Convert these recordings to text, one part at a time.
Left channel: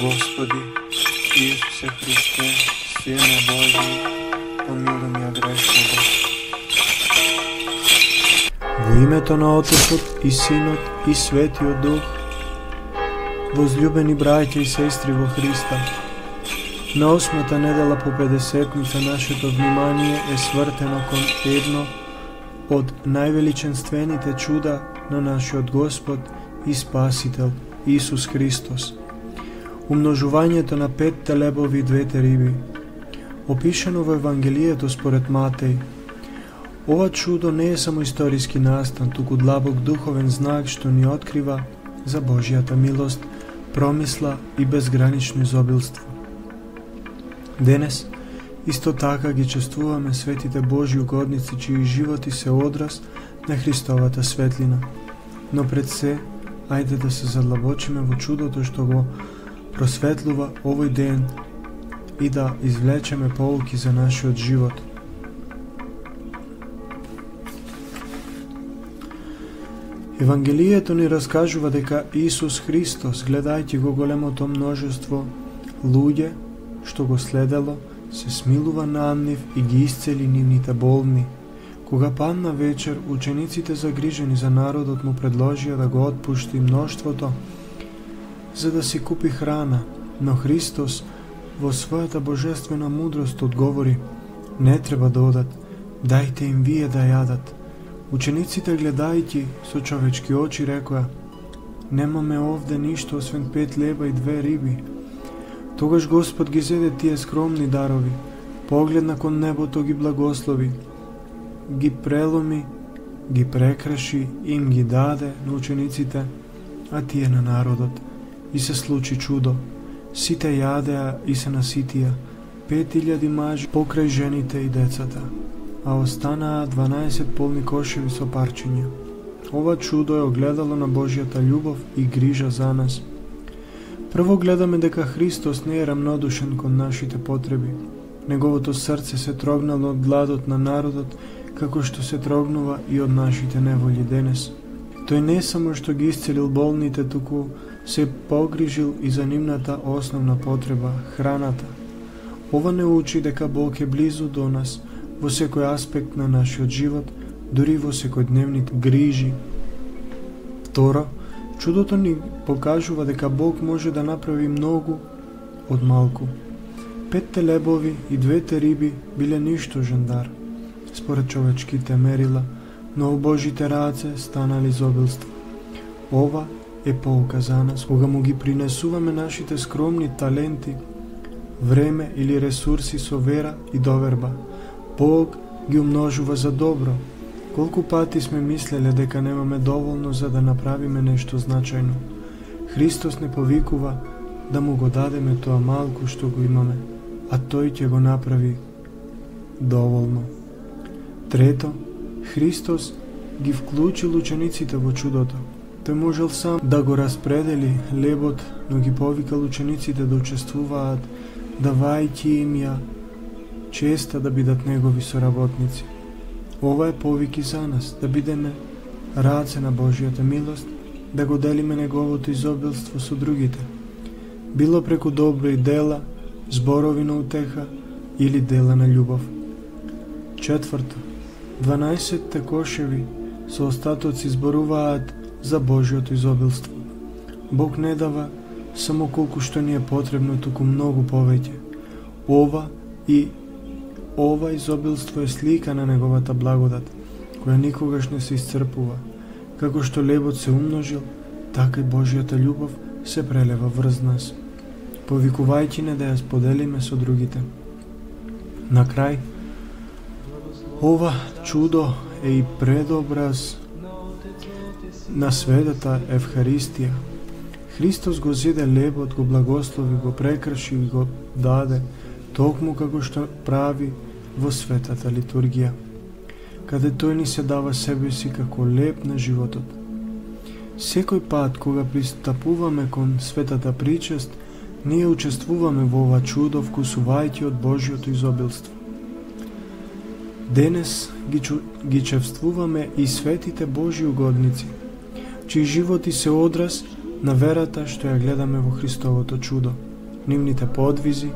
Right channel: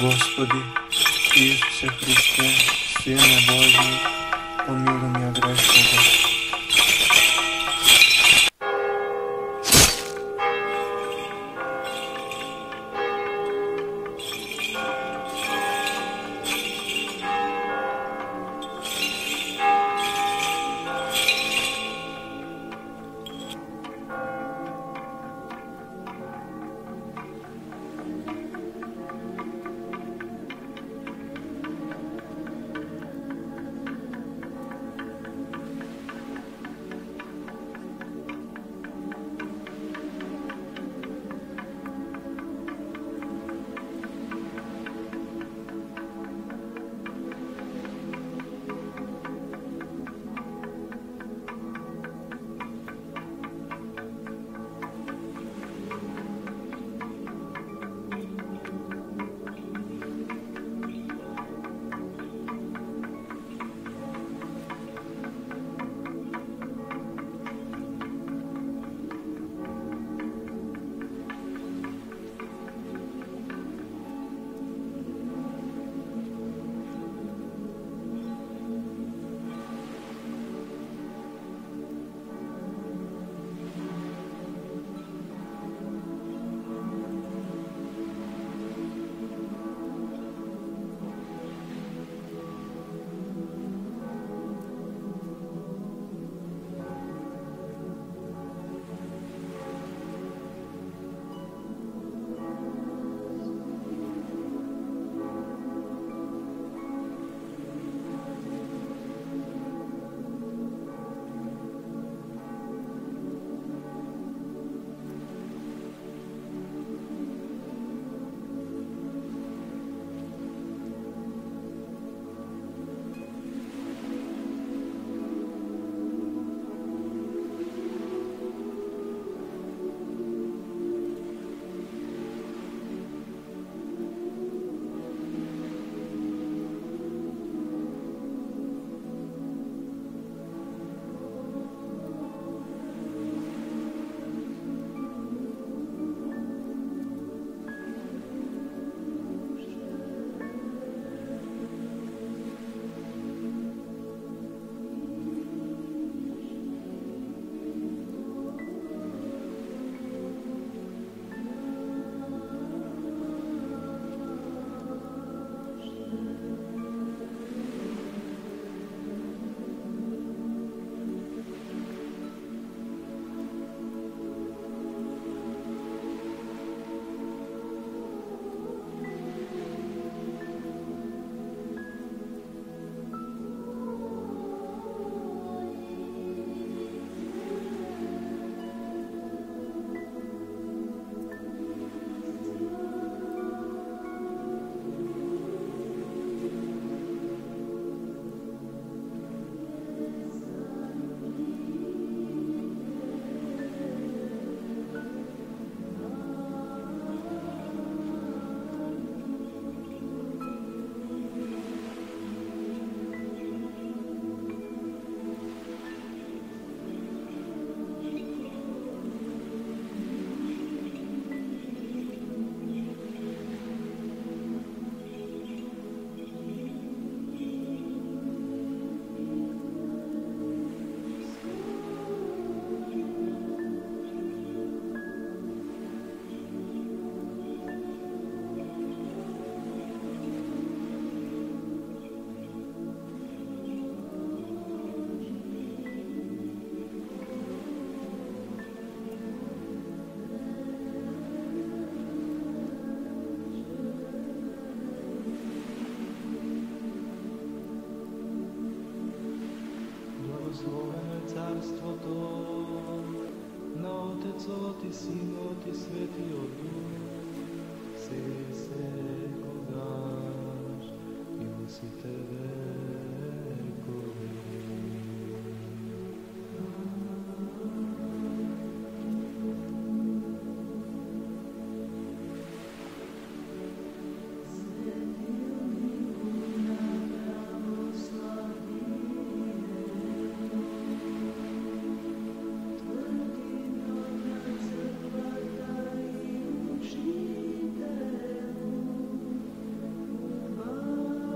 Gospodi Isuse Hrisте, Sine Božji, pomiluj me grešnoga. Во името на Отецот и Синот и Светиот Дух, возлюбени браќа и сестри во Христа, на 8-та недела по 50-ница нашето внимание е свртено кон едно од највеличенствените чуда на нашиот Господ и Спасител Исус Христос. Умножувањето на 5 лебови и 2 риби, опишано во Евангелието според Матеј. Ова чудо не е само историски настан, туку длабок духовен знак што ни открива за Божјата милост, промисла и безгранично изобилство. Денес, исто така ги чествуваме светите Божји угодници, чии животи се одраз на Христовата светлина. Но пред се, ајде да се задлабочиме во чудото што го просветлува овој ден и да извлечеме поуки за нашиот живот. Евангелието ни раскажува дека Исус Христос, гледајќи го големото множество луѓе што го следело, се смилува над нив и ги исцели нивните болни. Кога падна вечер, учениците загрижени за народот му предложија да го отпушти мноштвото за да си купи храна, но Христос во својата божествена мудрост одговори: не треба да одат, дајте им вие да јадат. Учениците, гледајќи со човечки очи, рекоа: немаме овде ништо освен 5 леба и 2 риби. Тогаш Господ ги зеде тие скромни дарови, погледна кон небото, ги благослови, ги преломи, ги прекраши, им ги даде на учениците, а тие на народот. И се случи чудо. Сите јадеа и се наситија, 5000 мажи покрај жените и децата, а останаа 12 полни кошеви со парчиња. Ова чудо е огледало на Божјата љубов и грижа за нас. Прво гледаме дека Христос не е рамнодушен кон нашите потреби. Неговото срце се трогнало од гладот на народот, како што се трогнува и од нашите неволји денес. Тој не само што ги исцелил болните, туку се погрижил и за нивната основна потреба, храната. Ова не учи дека Бог е близу до нас во секој аспект на нашиот живот, дури во секојдневните грижи. Второ, чудото ни покажува дека Бог може да направи многу од малку. 5 лебови и 2 риби биле ништожен дар, според човечките мерила, но во Божите раце станали изобилство. Ова е поука за нас, кога му ги принесуваме нашите скромни таленти, време или ресурси со вера и доверба. Бог ги умножува за добро. Колку пати сме мислеле дека немаме доволно за да направиме нешто значајно. Христос не повикува да му го дадеме тоа малку што го имаме, а тој ќе го направи доволно. Трето, Христос ги вклучил учениците во чудото. Тој можел сам да го распредели лебот, но ги повикал учениците да учествуваат, давајќи им ја честа да бидат негови соработници. Ова е повик и за нас, да бидеме раце на Божјата милост, да го делиме неговото изобилство со другите. Било преку добри дела, зборови на утеха или дела на љубов. Четврто, 12 кошеви со остатоци зборуваат за Божјото изобилство. Бог не дава само колку што ни е потребно, туку многу повеќе. Ова изобилство е слика на неговата благодат, која никогаш не се исцрпува. Како што лебот се умножил, така и Божјата љубов се прелева врз нас, повикувајќи не да ја споделиме со другите. На крај, ова чудо е и предобраз на светата Евхаристија. Христос го зеде лебот, го благослови, го прекраши и го даде, токму како што прави во светата литургија, каде тој ни се дава себе си како леб на животот. Секој пат кога пристапуваме кон светата причест, ние учествуваме во ова чудо, вкусувајќи од Божјото изобилство. Денес ги чествуваме и светите Божји угодници, чии животи се одраз на верата што ја гледаме во Христовото чудо. Нивните подвизи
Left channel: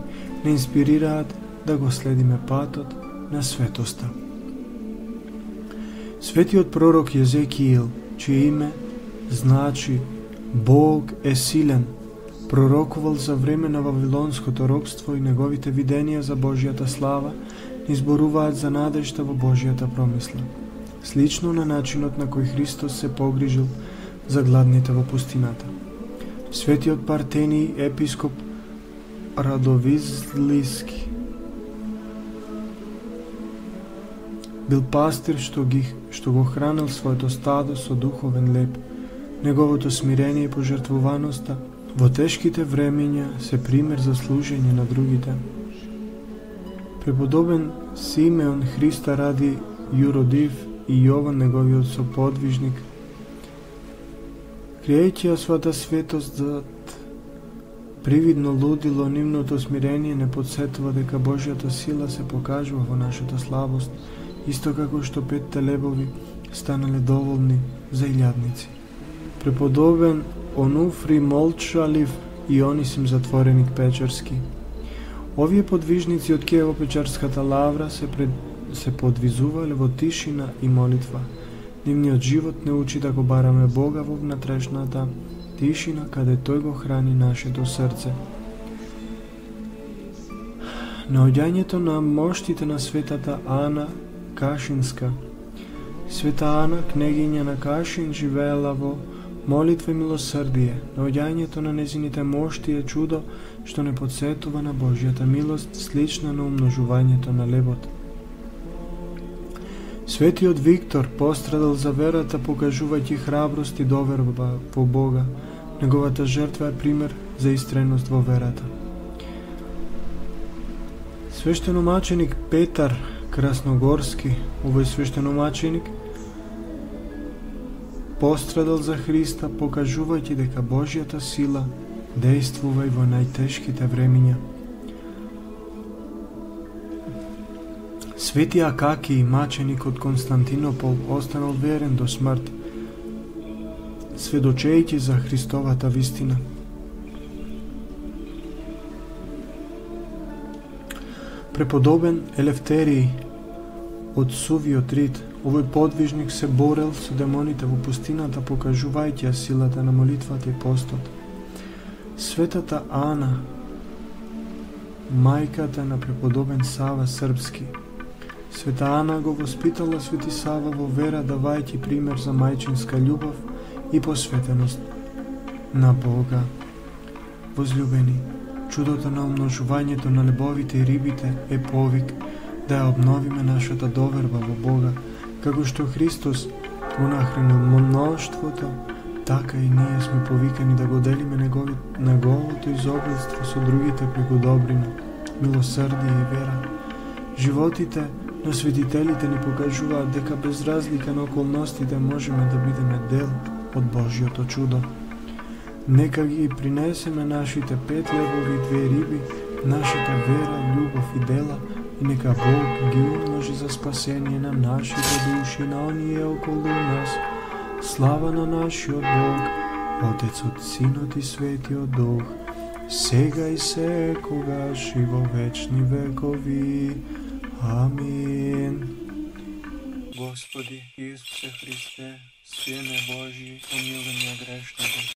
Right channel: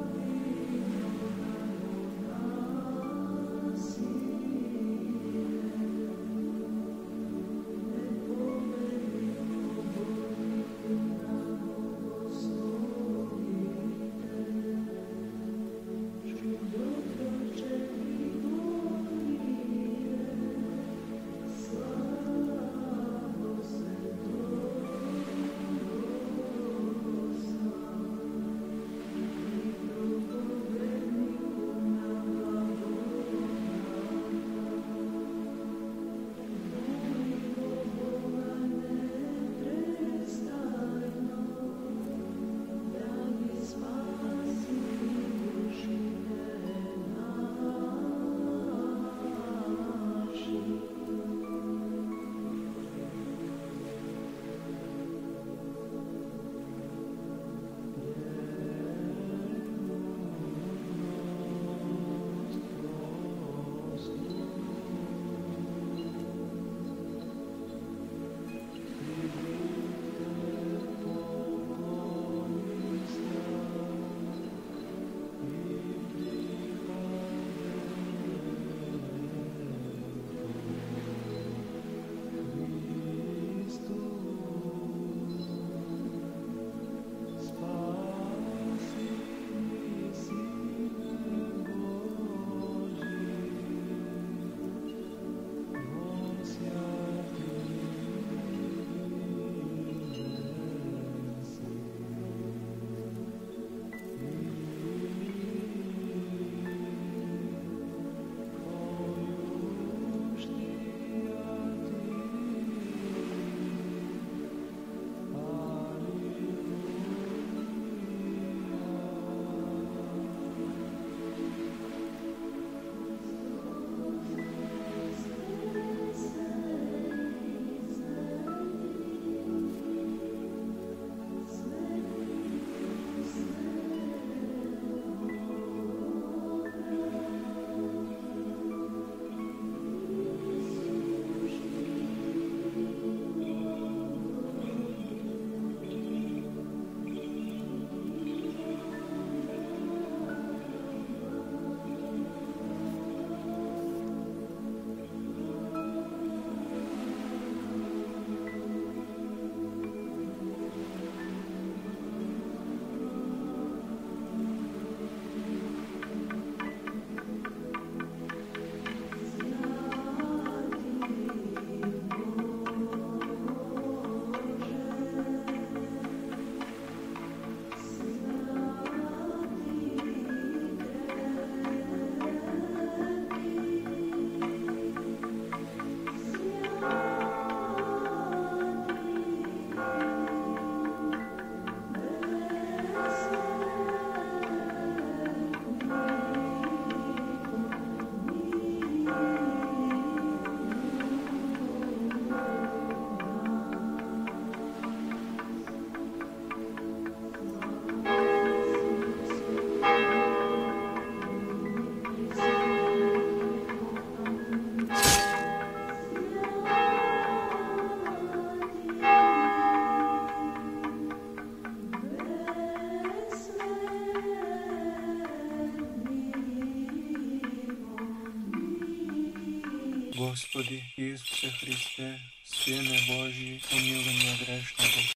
не инспирираат да го следиме патот на светоста. Светиот пророк Језекиил, чие име значи Бог е силен, пророкувал за време на вавилонското робство и неговите виденија за Божјата слава изборуваат за надежта во Божјата промисла, слично на начинот на кој Христос се погрижил за гладните во пустината. Светиот Партении епископ Радовизлиски бил пастир што го хранил своето стадо со духовен леп. Неговото смирение и пожртвуваноста во тешките времења се пример за служење на другите. Преподобен Симеон Христа ради Јуродив и Јован неговиот соподвижник криејќи ја својата светост зад привидно лудило, нивното смирение не подсетува дека Божјата сила се покажува во нашата слабост, исто како што 5 лебови станале доволни за илјадници. Преподобен Онуфри молчалив и Онисим затвореник Печерски. Овие подвижници од Киево-Печерската лавра се подвизувале во тишина и молитва. Нивниот живот не учи да го бараме Бога во внатрешната тишина, каде Тој го храни нашето срце. Наоѓањето на моштите на светата Ана Кашинска. Света Ана, кнегиња на Кашин, живеела во молитва и милосрдие. Наоѓањето на незините мошти е чудо што не подсетува на Божјата милост, слична на умножувањето на лебот. Светиот Виктор пострадал за верата, покажувајќи храброст и доверба во Бога. Неговата жртва е пример за истреност во верата. Свештеномаченик Петар Красногорски, овој свештеномаченик, пострадал за Христа, покажувајќи дека Божјата сила действува и во најтешките времиња. Свети Акаки, маченик од Константинопол, останал верен до смрт, сведочејќи за Христовата вистина. Преподобен Елефтериј од Сувиот Рид, овој подвижник се борел со демоните во пустината, покажувајќи ја силата на молитвата и постот. Светата Ана, мајката на преподобен Сава Српски. Света Ана го воспитала Свети Сава во вера, давајќи пример за мајчинска љубов и посветеност на Бога. Возлюбени, чудото на умножувањето на лебовите и рибите е повик да ја обновиме нашата доверба во Бога. Како што Христос понахранил мноштвото, така и ние сме повикани да го делиме неговото изобилство со другите преку добрина, милосрдие и вера. Животите на светителите ни покажуваат дека без разлика на околностите можеме да бидеме дел од Божјото чудо. Нека ги принесеме нашите 5 лебови и 2 риби, нашата вера, љубов и дела, и нека Бог ги умножи за спасение на нашите души, на оние околу нас. Слава на нашиот Бог, Отецот, Синот и Светиот Дух, сега и секогаш и во вечни векови. Амин. Господи Исусе Христе, Сине Божи, помилуј ме грешного.